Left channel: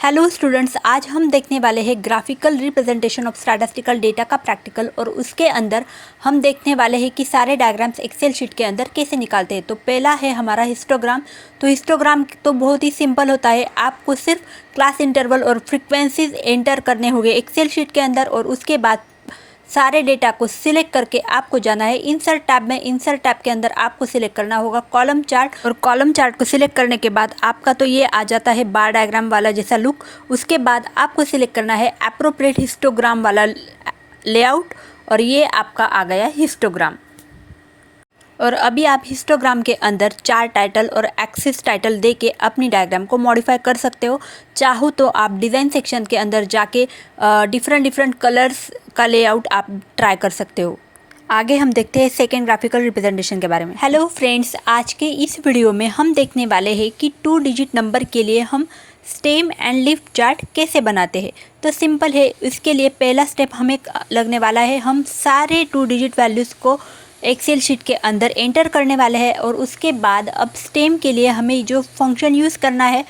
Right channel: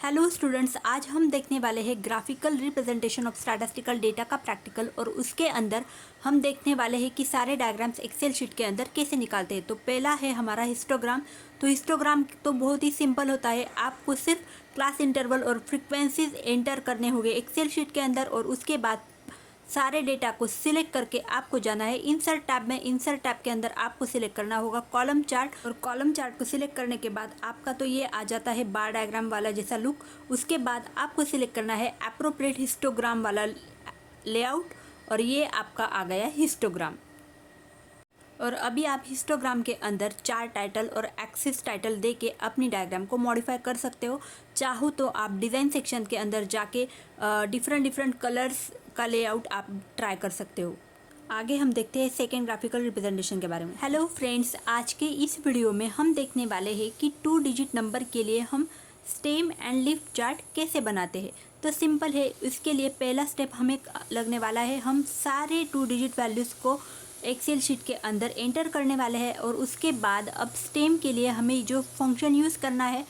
Hello students, आज हम देखने वाले हैं graphical representation of statistical data का प्रैक्टिकल। और उसके अंदर हम देखने वाले हैं कि सारे डायग्राम्स एक्सेल शीट के अंदर कैसे निकालते हैं। तो पहला है हमारा हिस्टोग्राम। तो हिस्टोग्राम तो बहुत ही सिंपल होता है, आपको सिर्फ क्लास इंटरवल और फ्रीक्वेंसीज एंटर करने होंगे एक्सेल शीट के अंदर। और उसके बाद सारे डेटा को सिलेक्ट करके आपको जाना है इंसर्ट टैब में। इंसर्ट टैब के अंदर आपको सिलेक्ट करना होगा कॉलम चार्ट, और कॉलम चार्ट को सिलेक्ट करने के बाद आपका तो ये आ जाता है बार डायग्राम वाला जैसा लुक। उसके बाद आपको सिलेक्ट करना है एप्रोप्रिएट हिस्टोग्राम वाला लेआउट, और ये आपका आ गया हिस्टोग्राम। और अभी आप हिस्टोग्राम के अंदर चार्ट टाइटल और एक्सिस टाइटल दे के अपनी डायग्राम को मॉडिफाई कर सकते हो। चाहो तो आप डिज़ाइन सेक्शन के अंदर जाके डिफरेंट कलर्स का लेआउट आप ट्राई कर सकते हो। आगे हम देखते हैं सेकेंड ग्राफिकल रिप्रेजेंटेशन के बारे में। हेलो फ्रेंड्स, आज के इस वीडियो में हम देखने वाले हैं कि 2 डिजिट नंबर के लिए हम स्टेम एंड लीफ चार्ट कैसे बनाते हैं। तो सिंपल है, इसके लिए पहला स्टेप हमें लगने वाला है, हम सारे 2 डिजिट वैल्यूज़ को एक्सेल शीट के अंदर एंटर करने वाले हैं। और उसके बाद अब स्टेम के लिए हमें जो फंक्शन यूज़ करना है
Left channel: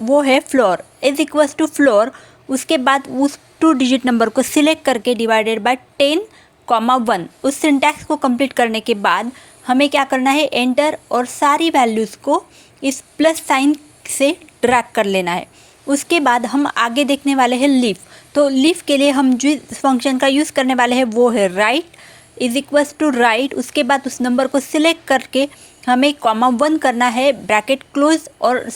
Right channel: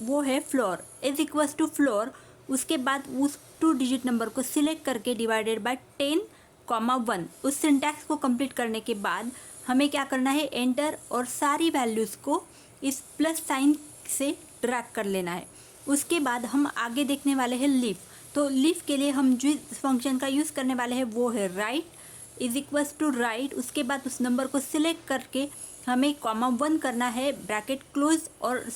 वो है floor is equals to floor. उसके बाद उस 2 डिजिट नंबर को सिलेक्ट करके डिवाइडेड बाय 10,1 उस सिंटैक्स को कंप्लीट करने के बाद हमें क्या करना है, एंटर, और सारी वैल्यूज़ को इस प्लस साइन से ड्रैग कर लेना है। उसके बाद हम आगे देखने वाले हैं लीफ। तो लीफ के लिए हम जिस फंक्शन का यूज़ करने वाले हैं वो है right is equals to right. उसके बाद उस नंबर को सिलेक्ट करके हमें (1 करना है, ब्रैकेट क्लोज, और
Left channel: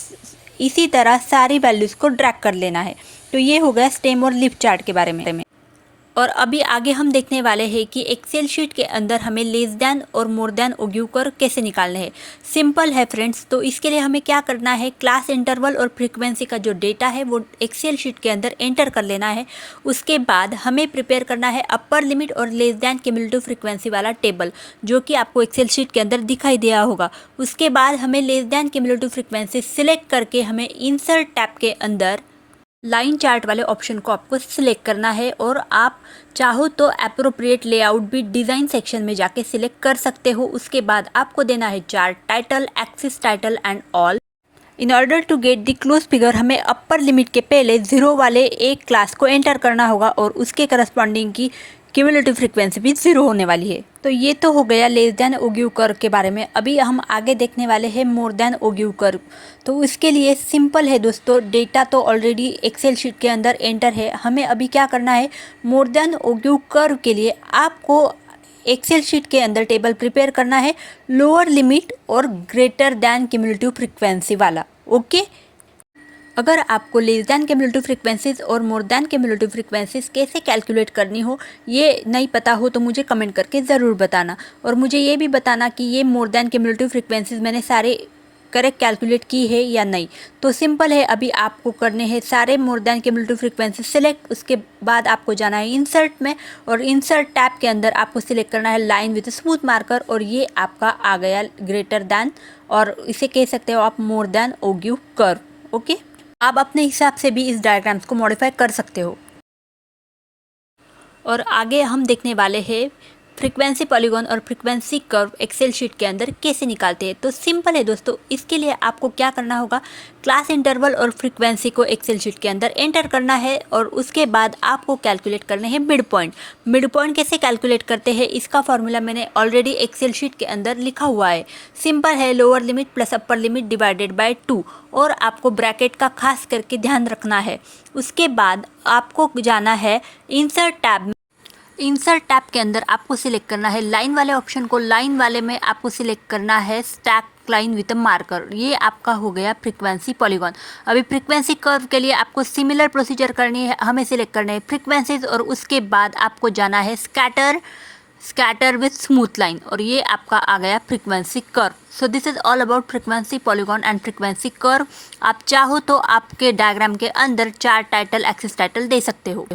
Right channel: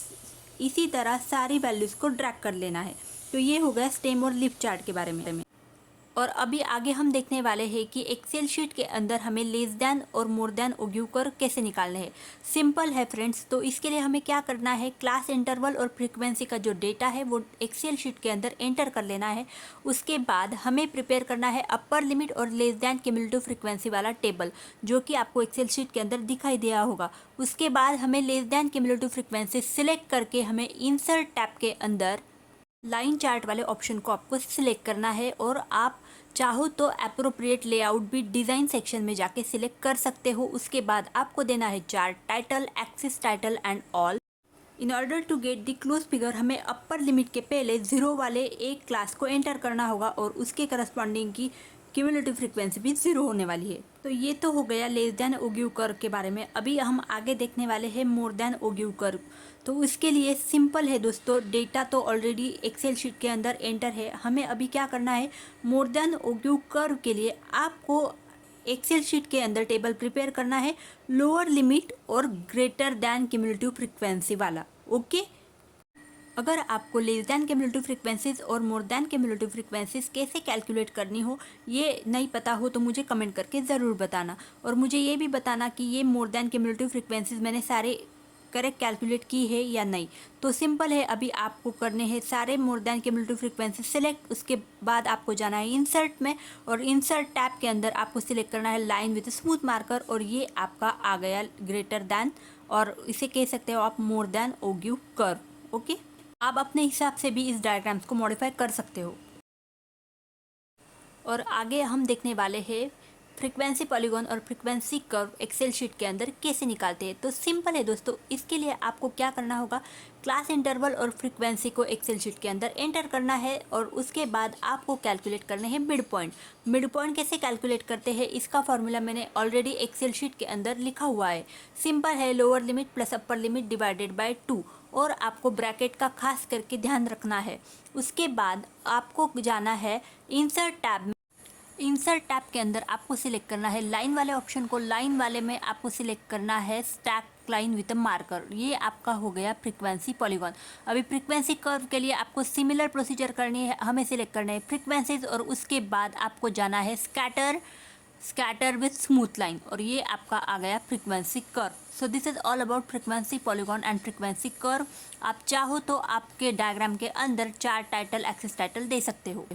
इसी तरह सारी वैल्यूज़ को ड्रैग कर लेना है। तो ये हो गया स्टेम और लीफ चार्ट के बारे में। और अभी आगे हम देखने वाले हैं कि एक्सेल शीट के अंदर हमें लेस दैन और मोर दैन ओग्यूकर कैसे निकालने हैं। सिंपल है फ्रेंड्स। तो इसके लिए हमें क्या करना है, क्लास इंटरवल और फ्रीक्वेंसी का जो डेटा है वो एक्सेल शीट के अंदर एंटर कर लेना है। उसके बाद हमें प्रिपेयर करना है अपर लिमिट और लेस दैन क्यूमुलेटिव फ्रीक्वेंसी वाला टेबल, जो कि आपको एक्सेल शीट के अंदर दिखाई दिया होगा। उसके बाद हमें less than cumulative frequency select करके हमें इंसर्ट टैब के अंदर लाइन चार्ट वाले ऑप्शन को आपको सिलेक्ट करना है। और आप चाहो तो एप्रोप्रिएट लेआउट भी डिज़ाइन सेक्शन में जाके सिलेक्ट कर सकते हो। उसके बाद आपको देना है chart title, axis title and all. In order to get the close figure हमें अपर लिमिट के पहले 0 वाले एक क्लास को एंटर करना होगा, और उसके करस्पॉन्डिंग की क्यूमुलेटिव फ्रीक्वेंसी भी 0 होने वाली है। तो ये तो हो गया लेस दैन ओग्यूकर के बारे में। अभी हम आगे देखने वाले हैं मोर दैन ओग्यूकर। तो इसके लिए सिंपल है दोस्तों, डेटा तो ऑलरेडी एक्सेल शीट के अंदर एंटर है। हमें अभी क्या करना है, मोर दैन ओग्यूकर के लिए आपको एक्सेल शीट के अंदर टेबल प्रिपेयर करना है लोअर लिमिट और ग्रेटर दैन क्यूमुलेटिव फ्रीक्वेंसी वाला। ओके, अगर आपको लेस दैन क्यूमुलेटिव फ्रीक्वेंसीज और मोर दैन क्यूमुलेटिव फ्रीक्वेंसीज कैसे कैलकुलेट करनी हो ये नहीं पता हो तो मुझे कमेंट करके ज़रूर बताना। और मुझे ये भी बताना कि ये मोर दैन क्यूमुलेटिव फ्रीक्वेंसीज मैंने सारे करेक्ट कैलकुलेट की है या नहीं। तो सिंपल है, अभी आपको करने हैं सारे more than cumulative frequency select. उसके बाद आपको जाना है इंसर्ट में, और इंसर्ट टैब के अंदर आपको सिलेक्ट करना है लाइन विद स्मूथ मार्कर, और ये आपका आ गया ग्रेटर दैन, और इसे कह सकते हो आप मोर दैन ओग्यू कर्व। ओके, आप अपने हिसाब से भी इस डायग्राम्स को मॉडिफाई कर सकते हो। और आगे हम देखने वाले हैं फ्रीक्वेंसी पॉलीगॉन और फ्रीक्वेंसी कर्व एक्सेल शीट के अंदर कैसे निकालते हैं। तो सिंपल है दोस्तों, इसके लिए आपको क्या करना होगा, क्लास इंटरवल और फ्रीक्वेंसी को एक्सेल शीट के अंदर एंटर करना है। और उसके बाद आपको कैलकुलेट करने हैं मिड पॉइंट। मिड पॉइंट कैसे कैलकुलेट करते हैं इसका फॉर्मूला मैंने ऑलरेडी एक्सेल शीट के अंदर लिखा हुआ है। सिंपल है, lower limit plus upper limit divided by 2, और आपको ब्रैकेट का खास करके ध्यान रखना है। उसके बाद आपको जाना है इंसर्ट टैब में। इंसर्ट टैब के अंदर आपको सिलेक्ट करना है लाइन वाले ऑप्शन को। लाइन वाले में आपको सिलेक्ट करना है स्टैक लाइन विद मार्कर। ये आपका हो गया फ्रीक्वेंसी पॉलीगॉन। अभी फ्रीक्वेंसी कर्व के लिए आपको सिमिलर प्रोसीजर करनी है। हमें सिलेक्ट करना है फ्रीक्वेंसीज, और उसके बाद आपको जाना है स्कैटर विथ स्मूथ लाइन, और ये आपका आ गया frequency curve. So this is all about frequency polygon and frequency curve. आप चाहो तो आपके डायग्राम के अंदर चार्ट टाइटल, एक्सिस टाइटल दे सकते हो।